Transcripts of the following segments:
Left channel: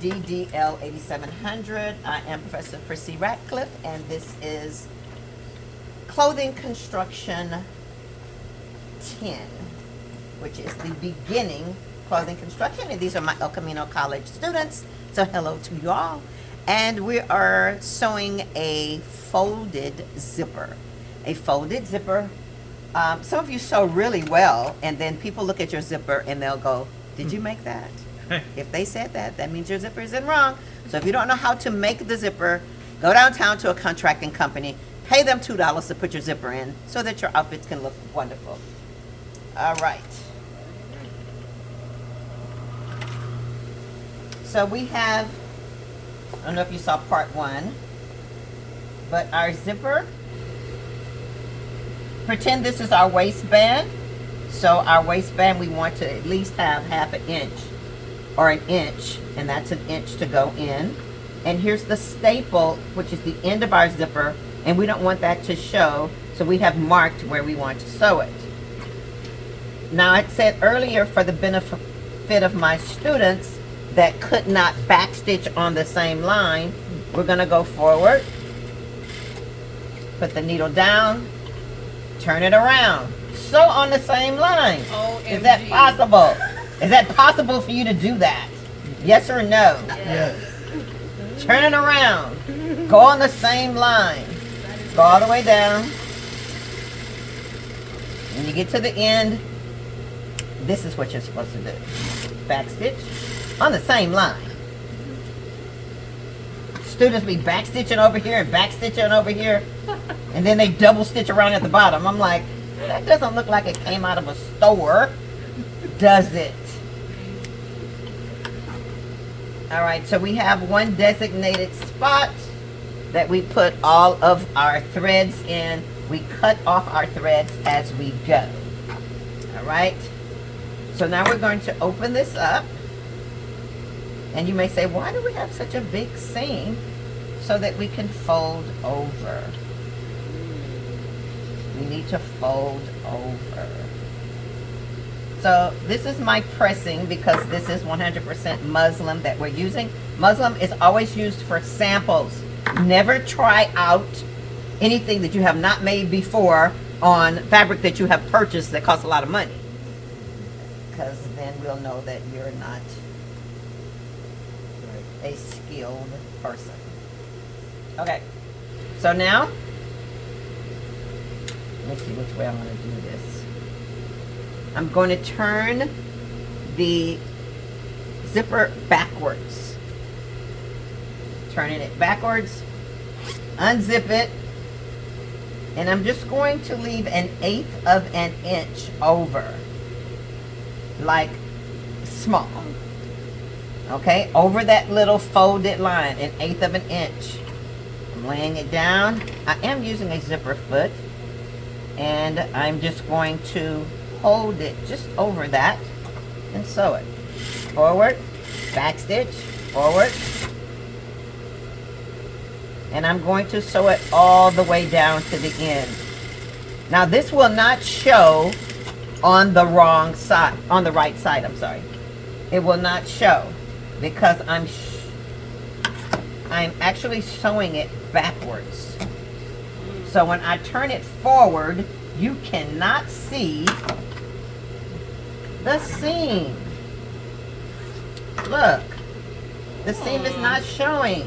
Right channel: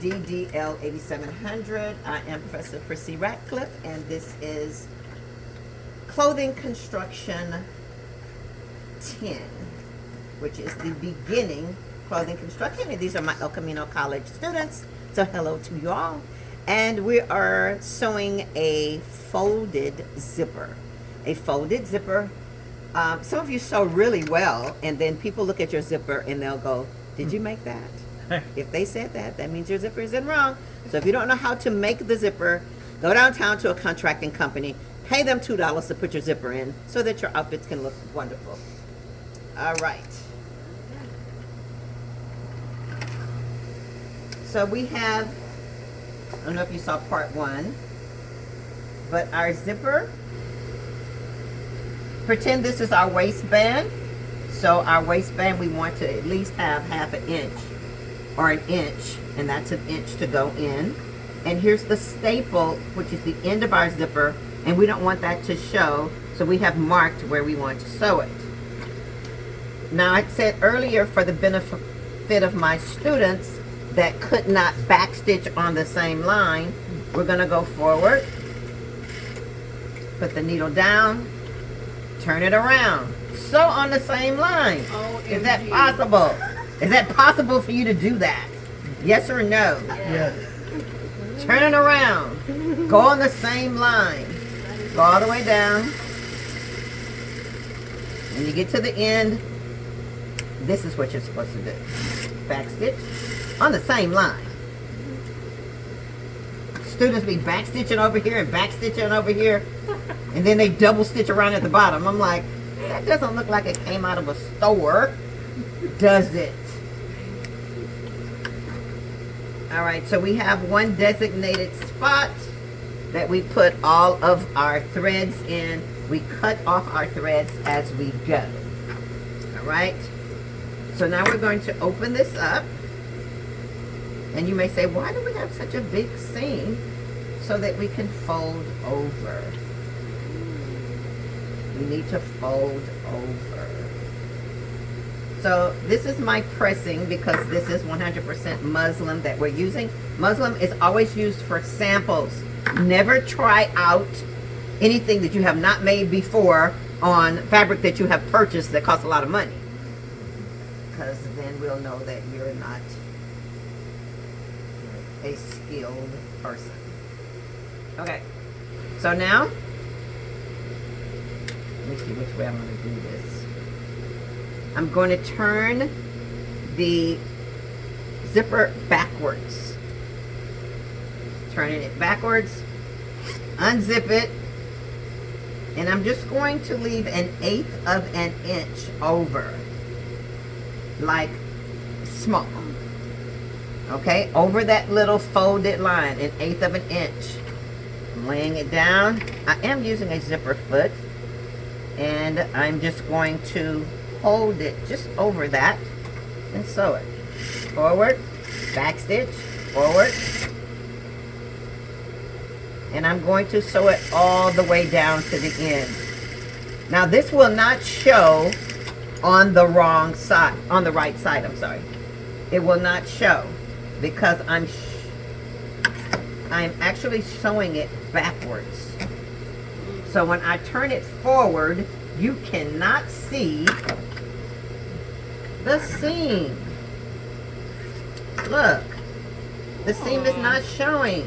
DDL 8700. I am Professor Priscy Ratcliff, and this is Clothing Construction 10, which is the beginning clothing construction. And these are my El Camino College students. So hello to you all. And we are sewing a folded zipper. A folded zipper. Some of you sew really well, and then people look at your zipper and they'll go, "Did you make that?" If they said that, that means your zipper isn't wrong. So if you don't know how to make the zipper, go downtown to a contracting company, pay them $2 to put your zipper in so that your outfits can look wonderful. All right. So we have, I don't know if you saw part one, but our zipper, pretend this is our waistband. So our waistband, we want to at least have half an inch or an inch, and that's an inch to go in. And here's the staple, which is the end of our zipper, and we don't want that to show, so we have marked where we want to sew it. Now, I said earlier, for the benefit of my students that could not backstitch on the same line, we're gonna go forward, put the needle down, turn it around, sew on the same line. OMG. Is that possible? Is that possible for you to do that? Yes or no? Yes. Turn it around. Go on the same line. Go all the way down. When you get to the end, this is what you're supposed to do. Backstitch on the same line. Students be backstitching over here and backstitching over here, and then they double stitch around at the bottom. I'm like, that doesn't look like it came out of a store, does it? All right, so we have one designated spot that we put all of our threads in. We cut off our threads as we go. All right, so now we're going to open this up. And you may say, why do we have such a big seam? So that we can fold over. We need to fold over. So this is my pressing, because this is 100% muslin that we're using. Muslin is always used for samples. Never try out anything that you have not made before on fabric that you have purchased that costs a lot of money, because then we'll know that you're not a skilled person. Okay, so now let me see which way I'm going to do this. I'm going to turn the zipper backwards. Turning it backwards, unzip it, and I'm just going to leave 1/8 of an inch over, like small. Okay, over that little folded line, 1/8 of an inch. I'm laying it down. I am using a zipper foot, and I'm just going to hold it just over that and sew it. Forward, back stitch, forward. And I'm going to sew it all the way down to the end. Now this will not show on the wrong side, on the right side, I'm sorry. It will not show because I'm actually sewing it backwards. So when I turn it forward, you cannot see the seam. Look, the seam is not showing.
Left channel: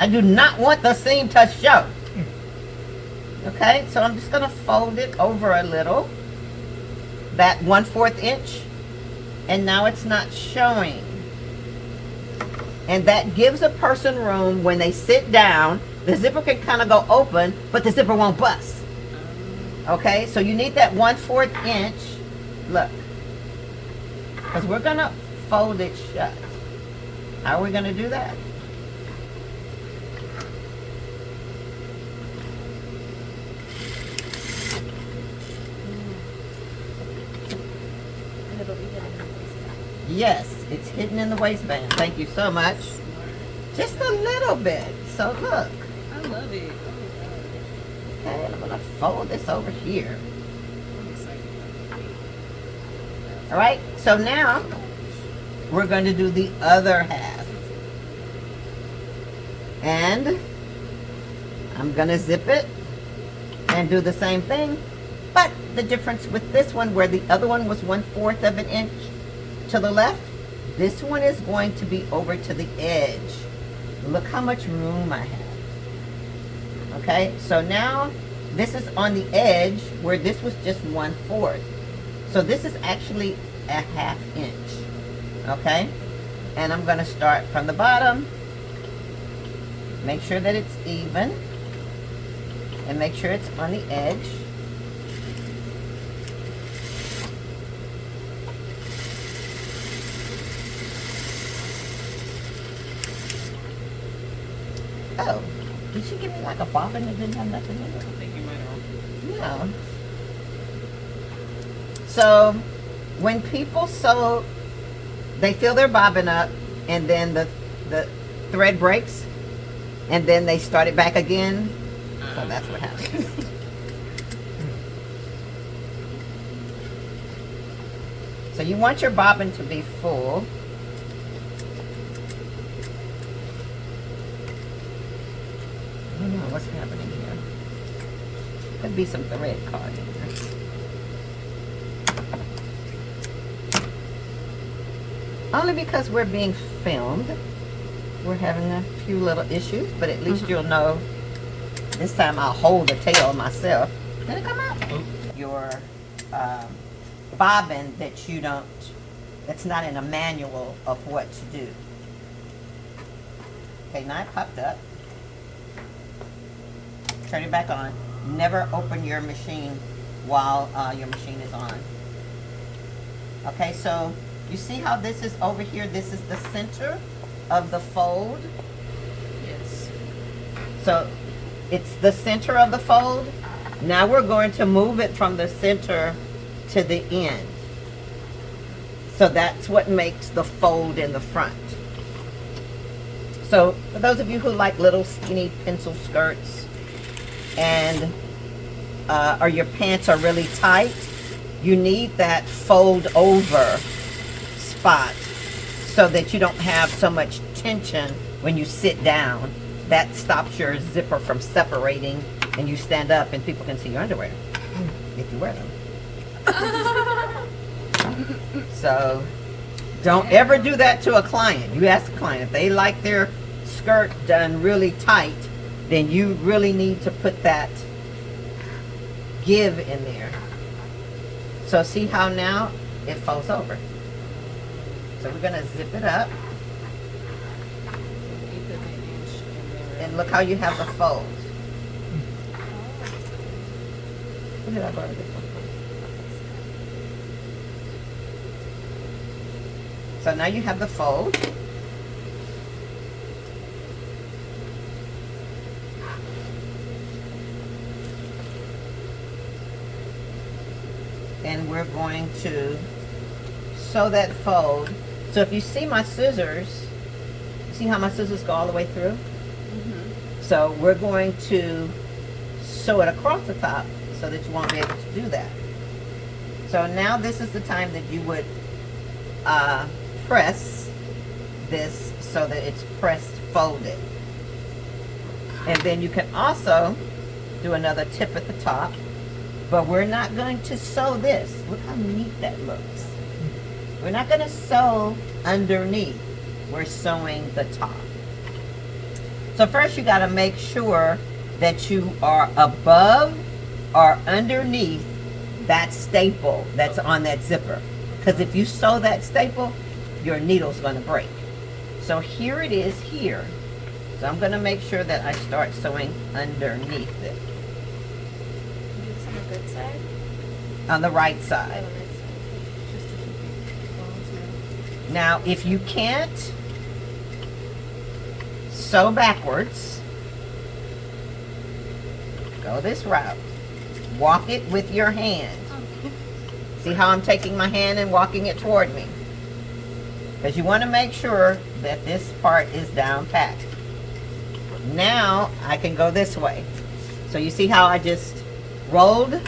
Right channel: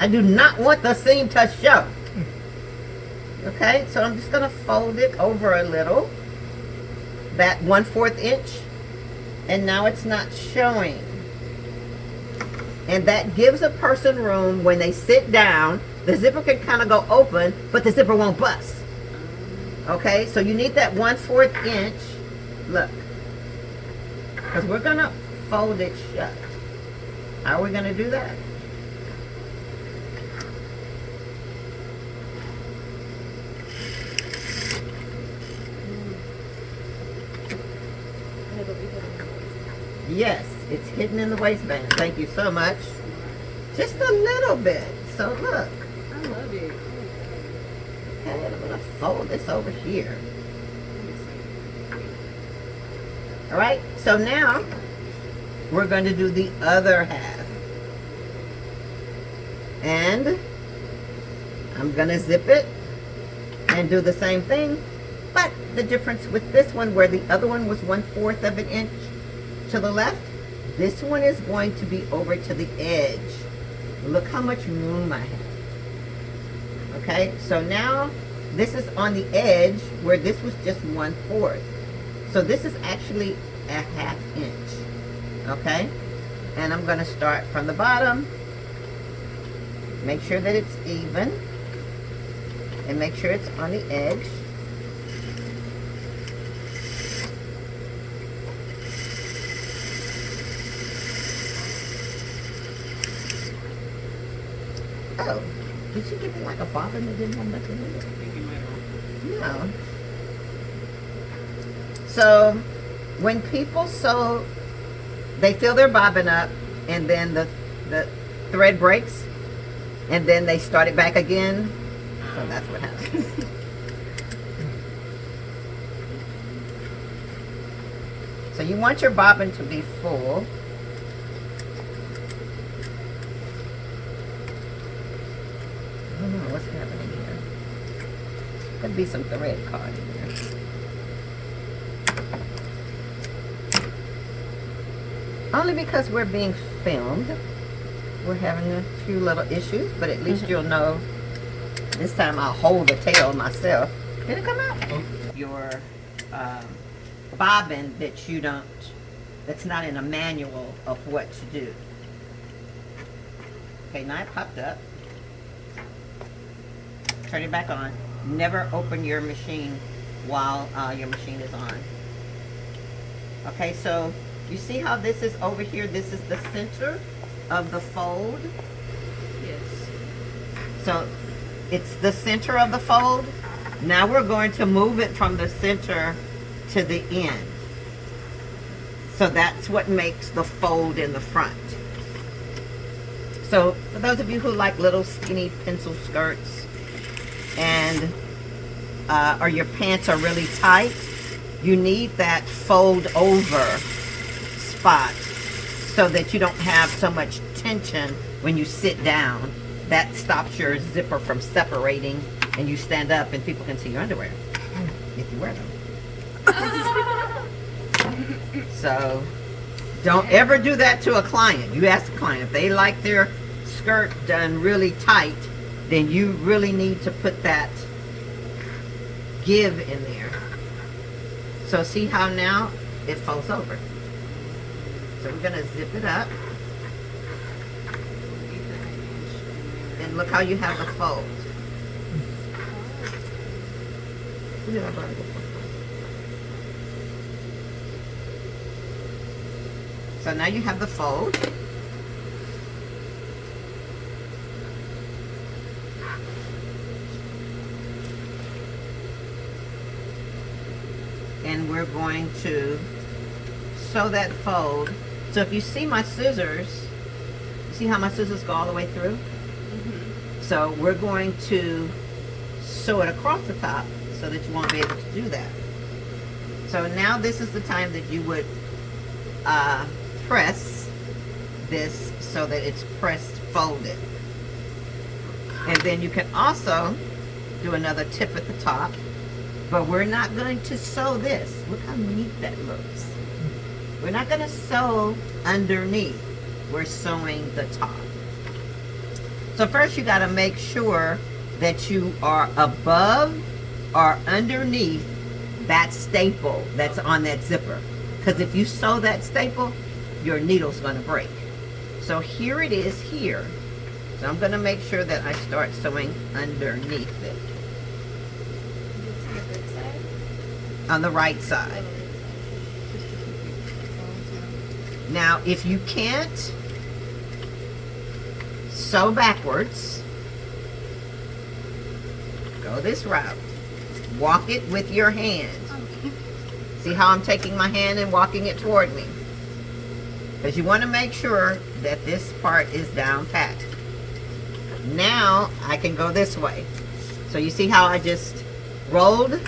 I do not want the seam to show. Okay, so I'm just gonna fold it over a little, that 1/4 inch, and now it's not showing. And that gives a person room when they sit down. The zipper can kind of go open, but the zipper won't bust. Okay, so you need that 1/4 inch. Look, because we're gonna fold it shut. How are we gonna do that? Yes, it's hidden in the waistband. Thank you so much. Just a little bit. So look. I love it. Okay, I'm gonna fold this over here. All right, so now we're going to do the other half. And I'm going to zip it and do the same thing. But the difference with this one, where the other one was 1/4 of an inch to the left, this one is going to be over to the edge. Look how much room I have. Okay, so now this is on the edge where this was just 1/4. So this is actually a 1/2 inch. Okay, and I'm going to start from the bottom. Make sure that it's even. And make sure it's on the edge. Oh, did she give me like a bobbin that didn't have nothing in it? I think you might have. No. So, when people sew, they fill their bobbin up, and then the thread breaks, and then they start it back again. So that's what happens. So you want your bobbin to be full. I don't know what's happening here. Could be some thread caught in there. Only because we're being filmed, we're having a few little issues, but at least you'll know. This time I'll hold the tail myself. Did it come out? Your bobbin that you don't, that's not in a manual of what to do. Okay, now it popped up. Turn it back on. Never open your machine while your machine is on. Okay, so you see how this is over here? This is the center of the fold. Yes. So it's the center of the fold. Now we're going to move it from the center to the end. So that's what makes the fold in the front. So for those of you who like little skinny pencil skirts and or your pants are really tight, you need that fold over spot so that you don't have so much tension when you sit down. That stops your zipper from separating and you stand up and people can see your underwear if you wear them. So don't ever do that to a client. You ask a client if they like their skirt done really tight, then you really need to put that give in there. So see how now it folds over. So we're gonna zip it up. And look how you have the fold. So now you have the fold. And we're going to sew that fold. So if you see my scissors, see how my scissors go all the way through? Mm-hmm. So we're going to sew it across the top so that you won't be able to do that. So now this is the time that you would press this so that it's pressed folded. And then you can also do another tip at the top, but we're not going to sew this. Look how neat that looks. We're not going to sew underneath. We're sewing the top. So first you got to make sure that you are above or underneath that staple that's on that zipper. Because if you sew that staple, your needle's going to break. So here it is here. So I'm going to make sure that I start sewing underneath it. On the good side? On the right side. Now, if you can't sew backwards, go this route. Walk it with your hand. Okay. See how I'm taking my hand and walking it toward me? Because you want to make sure that this part is down pat. Now, I can go this way. So you see how I just rolled,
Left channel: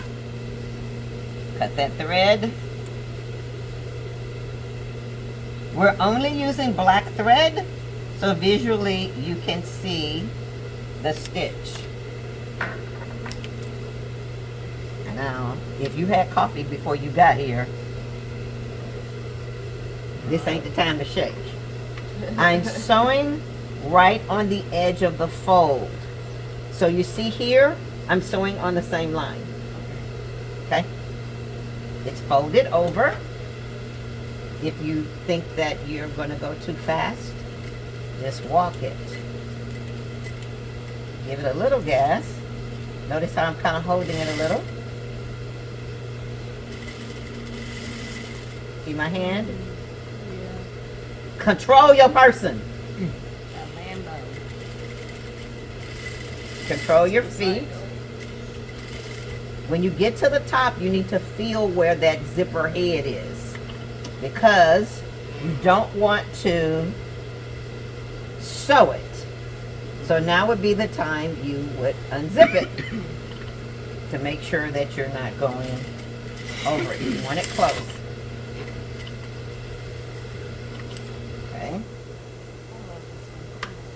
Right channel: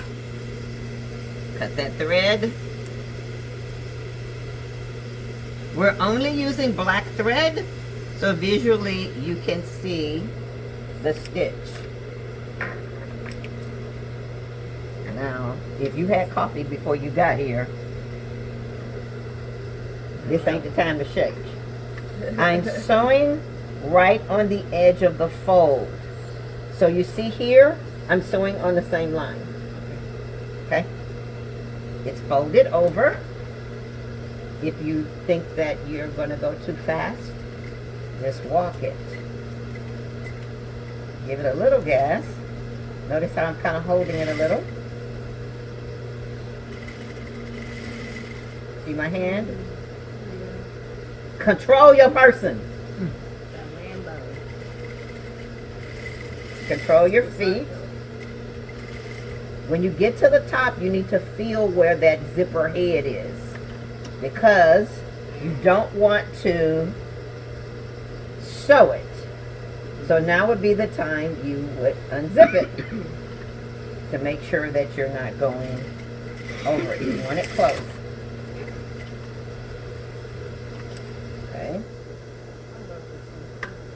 cut that thread, We're only using black thread, so visually you can see the stitch. Now, if you had coffee before you got here, this ain't the time to shake. I'm sewing right on the edge of the fold. So you see here, I'm sewing on the same line. Okay? It's folded over. If you think that you're going to go too fast, just walk it. Give it a little gas. Notice how I'm kind of holding it a little. See my hand? Control your person. Control your feet. When you get to the top, you need to feel where that zipper head is, because you don't want to sew it. So now would be the time you would unzip it to make sure that you're not going over it. You want it close. Okay.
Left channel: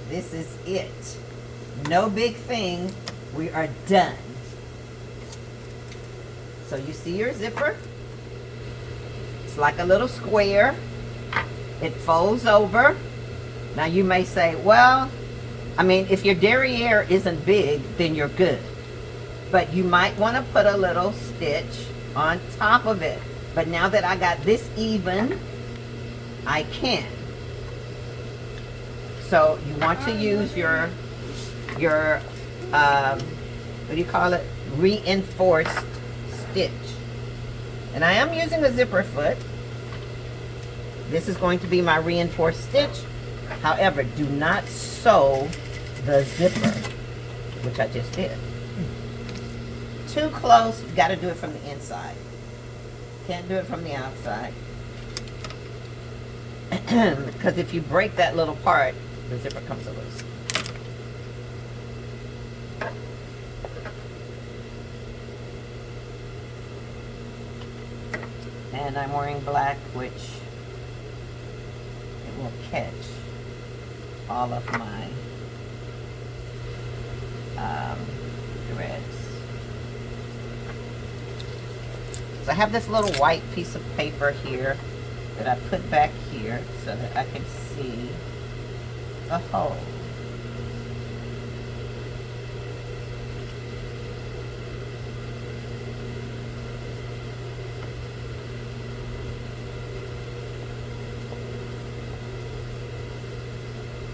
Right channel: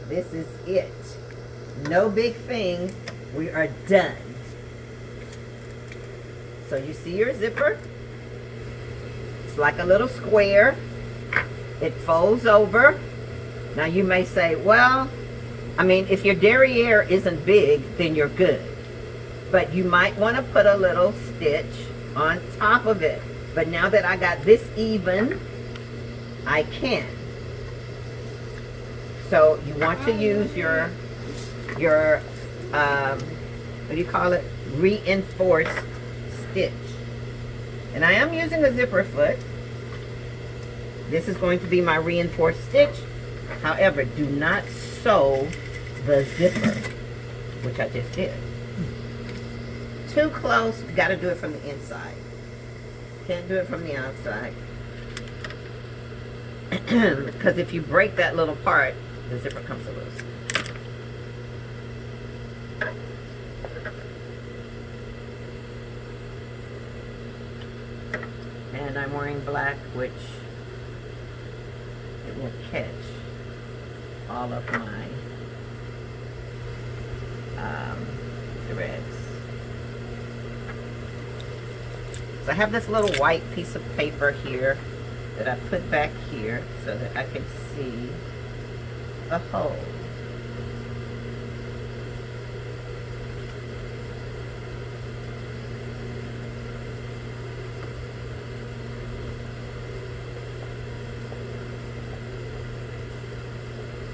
This is it. No big thing. We are done. So you see your zipper? It's like a little square. It folds over. Now you may say, well, I mean, if your derriere isn't big, then you're good. But you might want to put a little stitch on top of it. But now that I got this even, I can. So you want to use your what do you call it? Reinforced stitch. And I am using a zipper foot. This is going to be my reinforced stitch. However, do not sew the zipper, which I just did. Too close, you got to do it from the inside. Can't do it from the outside. Because if you break that little part, the zipper comes loose. And I'm wearing black, which it will catch all of my threads. So I have this little white piece of paper here that I put back here so that I can see the hole.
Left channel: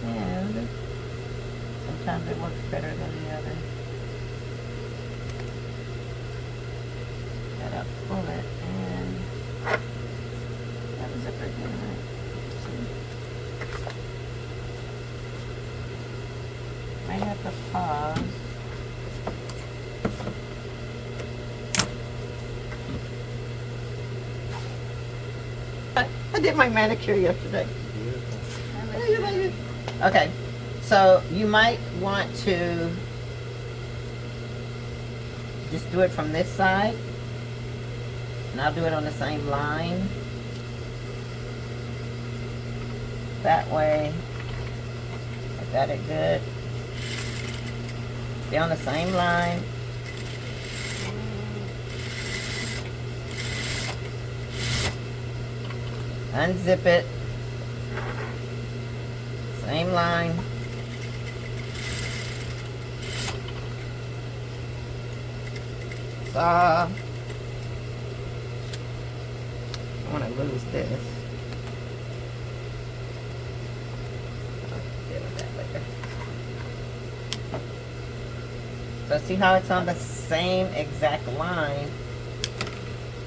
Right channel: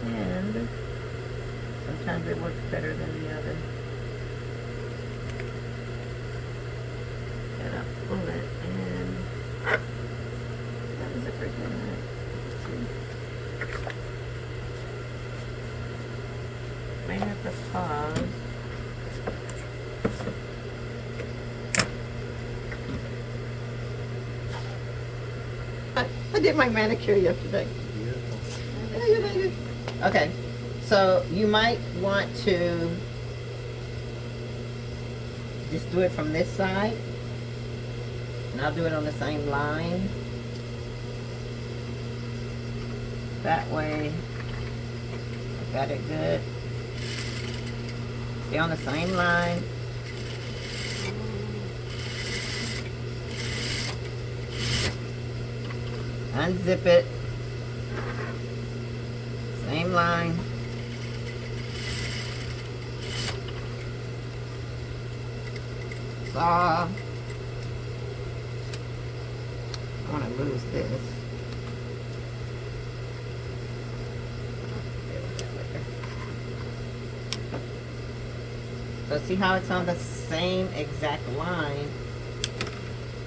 And sometimes it works better than the other. Gotta pull it and that zipper again. Might have to pause. I did my manicure yesterday. Okay, so you might want to just do it from this side, and I'll do it on the same line. That way, I got it good. Stay on the same line. Unzip it. Same line. Saw. I want to lose this. I'll deal with that later. So see how it's on the same exact line?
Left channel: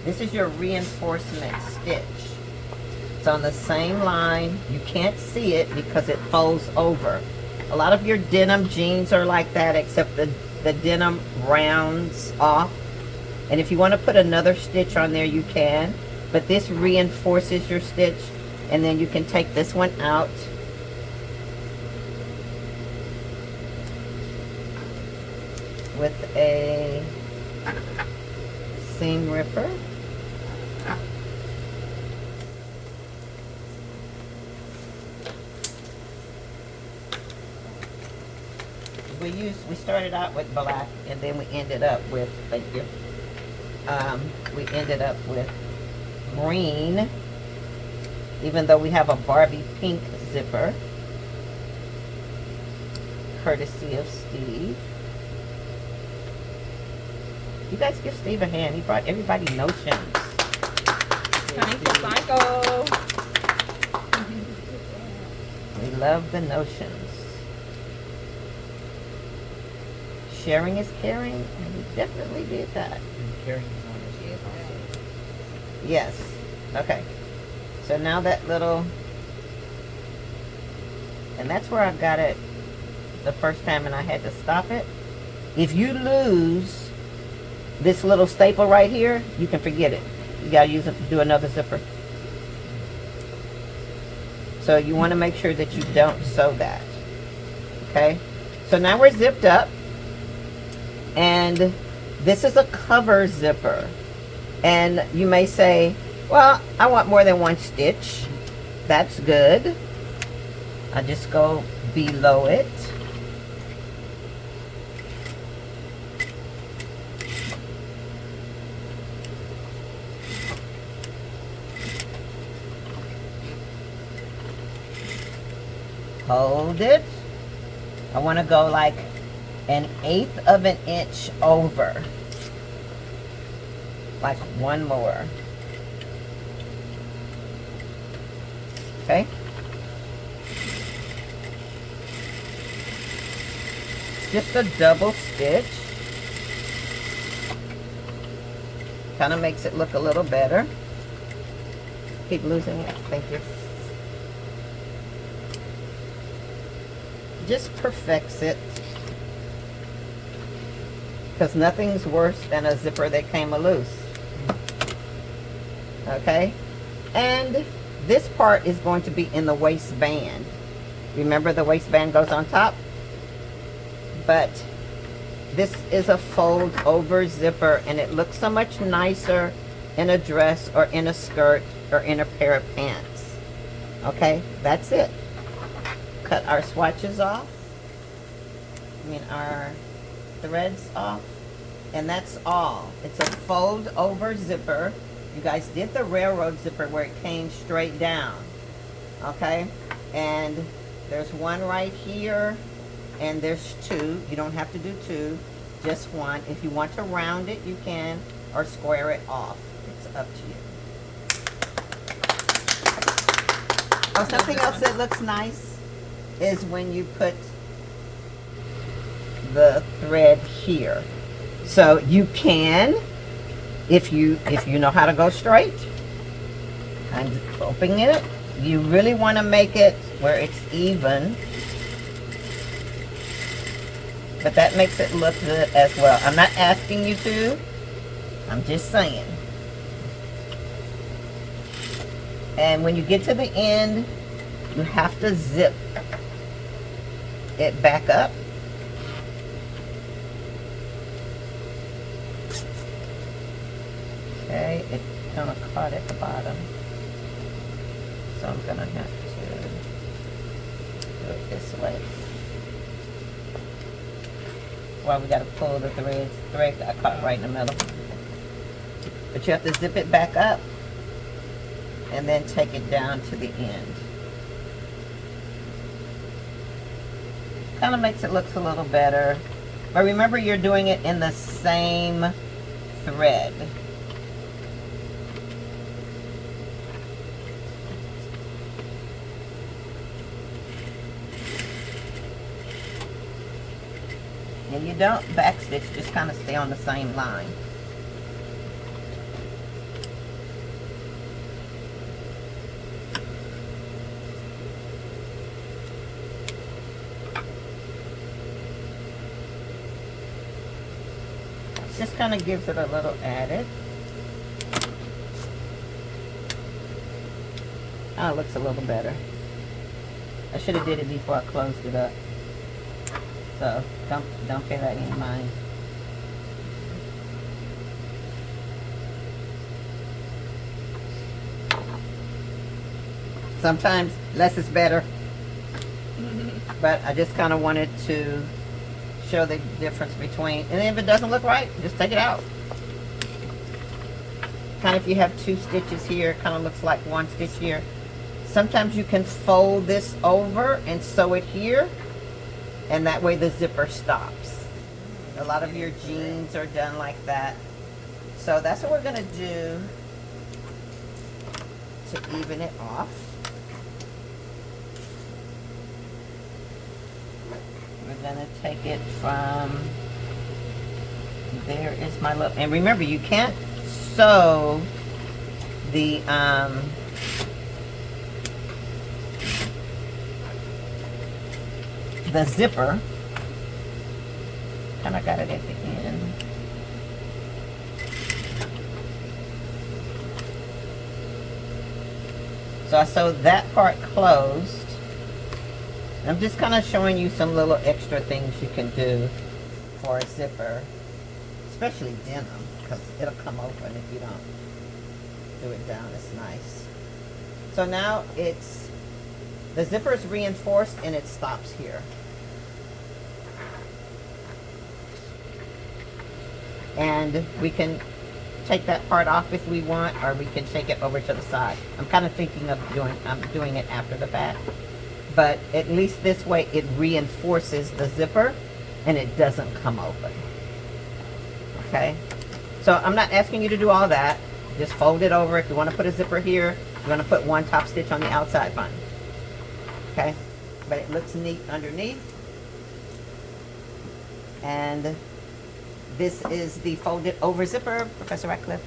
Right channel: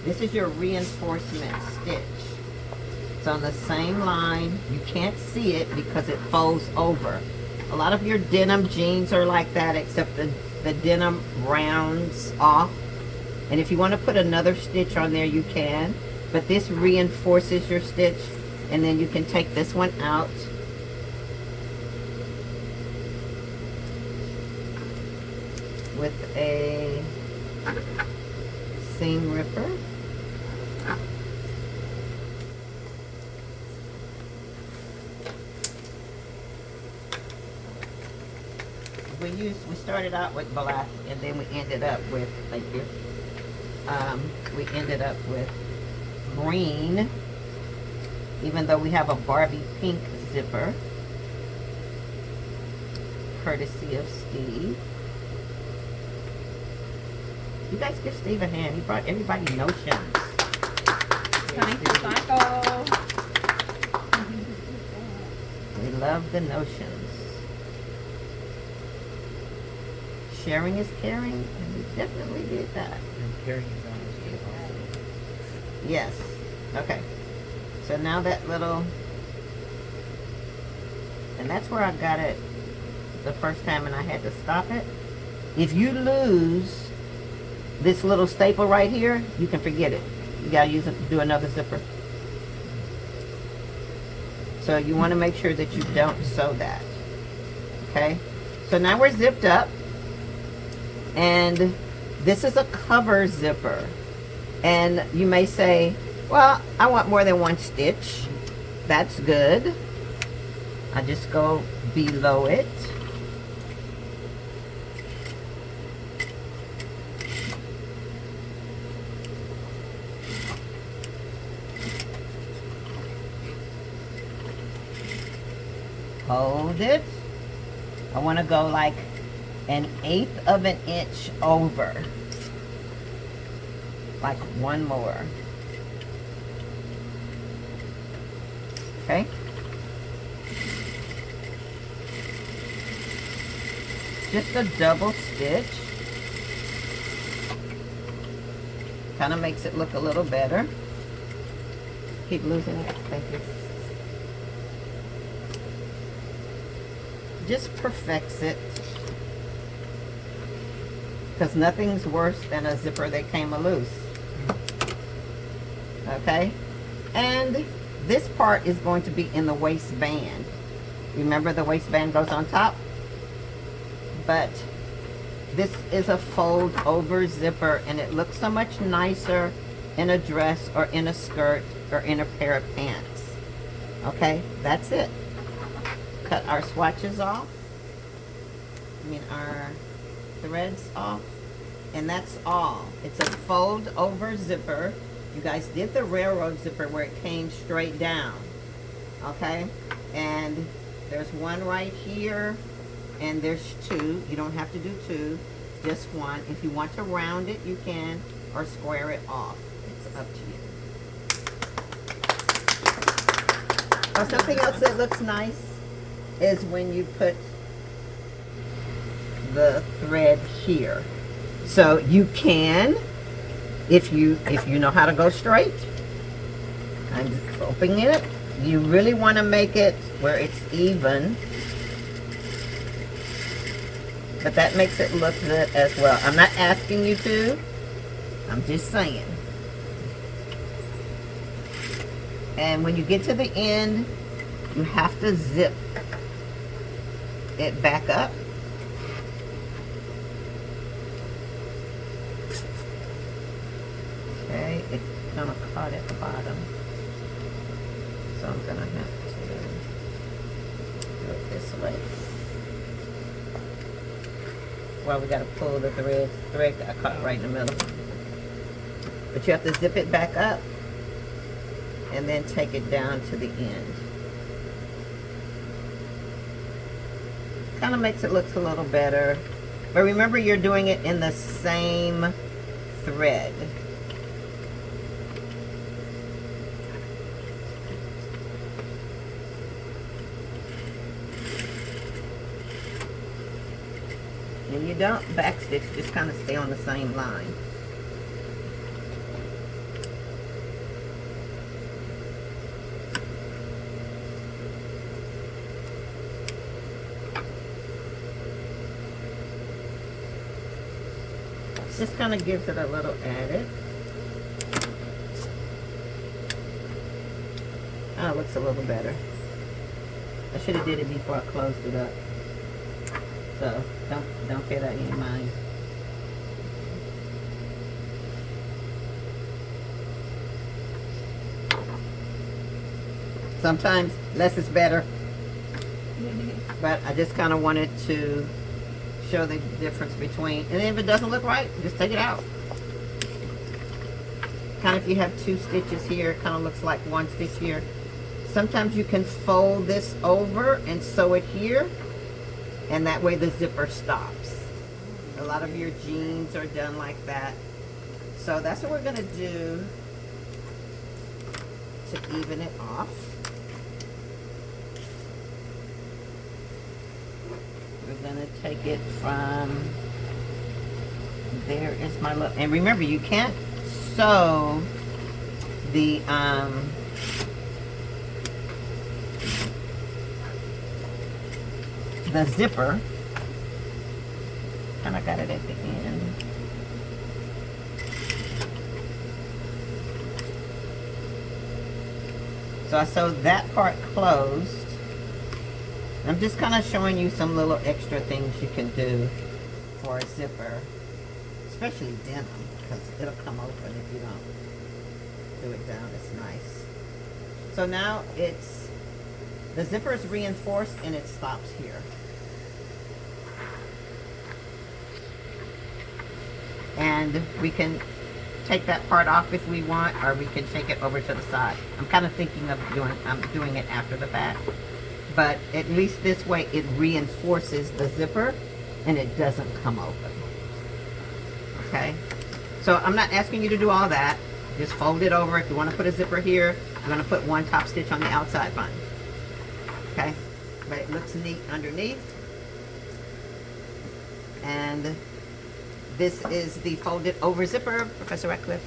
This is your reinforcement stitch. It's on the same line. You can't see it because it folds over. A lot of your denim jeans are like that, except the denim rounds off. And if you want to put another stitch on there, you can. But this reinforces your stitch. And then you can take this one out. With a seam ripper. we started out with black, and then we ended up with, thank you, we ended up with green, even though we have a Barbie pink zipper, courtesy of Steve. You guys give Steve a hand. He brought everybody notions. Thank you, Michael. We love the notions. Sharing is caring, and we definitely did that. Yes. Okay. So now that little, and that's where I got it the first time, and I had to stop it. If you lose this little staple right here, you can forget it. You gotta use it to do another zipper. So you want to make sure that you don't sew that. Okay. So now we're zipped up, and this is a cover zipper. And you may say, well, I want more than one stitch. That's good. I just go below it. Hold it. I want to go like 1/8 of an inch over. Like one more. Okay. Just a double stitch. Kind of makes it look a little better. Keep losing it. Thank you. Just perfects it, because nothing's worse than a zipper that came loose. Okay, and this part is going to be in the waistband. Remember, the waistband goes on top, but this is a fold over zipper, and it looks so much nicer in a dress or in a skirt or in a pair of pants. Okay, that's it. Cut our swatches off, our threads off, and that's all. It's a fold over zipper. You guys did the railroad zipper where it came straight down. Okay, and there's one right here, and there's two. You don't have to do two, just one. If you want to round it, you can, or square it off. It's up to you. Oh, something else that looks nice is when you put the thread here. So you can, if you know how to go straight, I'm opening it. You really want to make it where it's even, but that makes it look good as well. I'm not asking you to, I'm just saying. And when you get to the end, you have to zip it back up. Okay, it kind of caught at the bottom, so I'm gonna have to do it this way. Well, we gotta pull the thread got caught right in the middle, but you have to zip it back up and then take it down to the end. Kind of makes it look a little better, but remember, you're doing it in the same thread. And you don't backstitch, just kind of stay on the same line. Just kind of gives it a little added. Oh, it looks a little better. I should have did it before I closed it up. So don't pay that any mind. Sometimes less is better, but I just kind of wanted to show the difference between, and if it doesn't look right, just take it out. Kind of if you have 2 stitches here, it kind of looks like 1 stitch here. Sometimes you can fold this over and sew it here, and that way the zipper stops. A lot of your jeans are done like that. So that's what we're gonna do to even it off. We're gonna take it from, there is my little, and remember you can't sew the zipper. Kind of got it at the end. So I sewed that part closed. I'm just kind of showing you some little extra things you can do for a zipper, especially denim, because it'll come open if you don't do it down. It's nice. So now it's, the zipper is reinforced and it stops here. And we can take that part off if we want, or we can take it over to the side. I'm kind of thinking of doing it after the fact, but at least this way it reinforces the zipper and it doesn't come open. Okay, so I'm not asking you to do all that. Just fold it over. If you want to put a zipper here, you're going to put 1 top stitch on the outside, fine. Okay, but it looks neat underneath. And this is the folded over zipper, Professor Ratcliff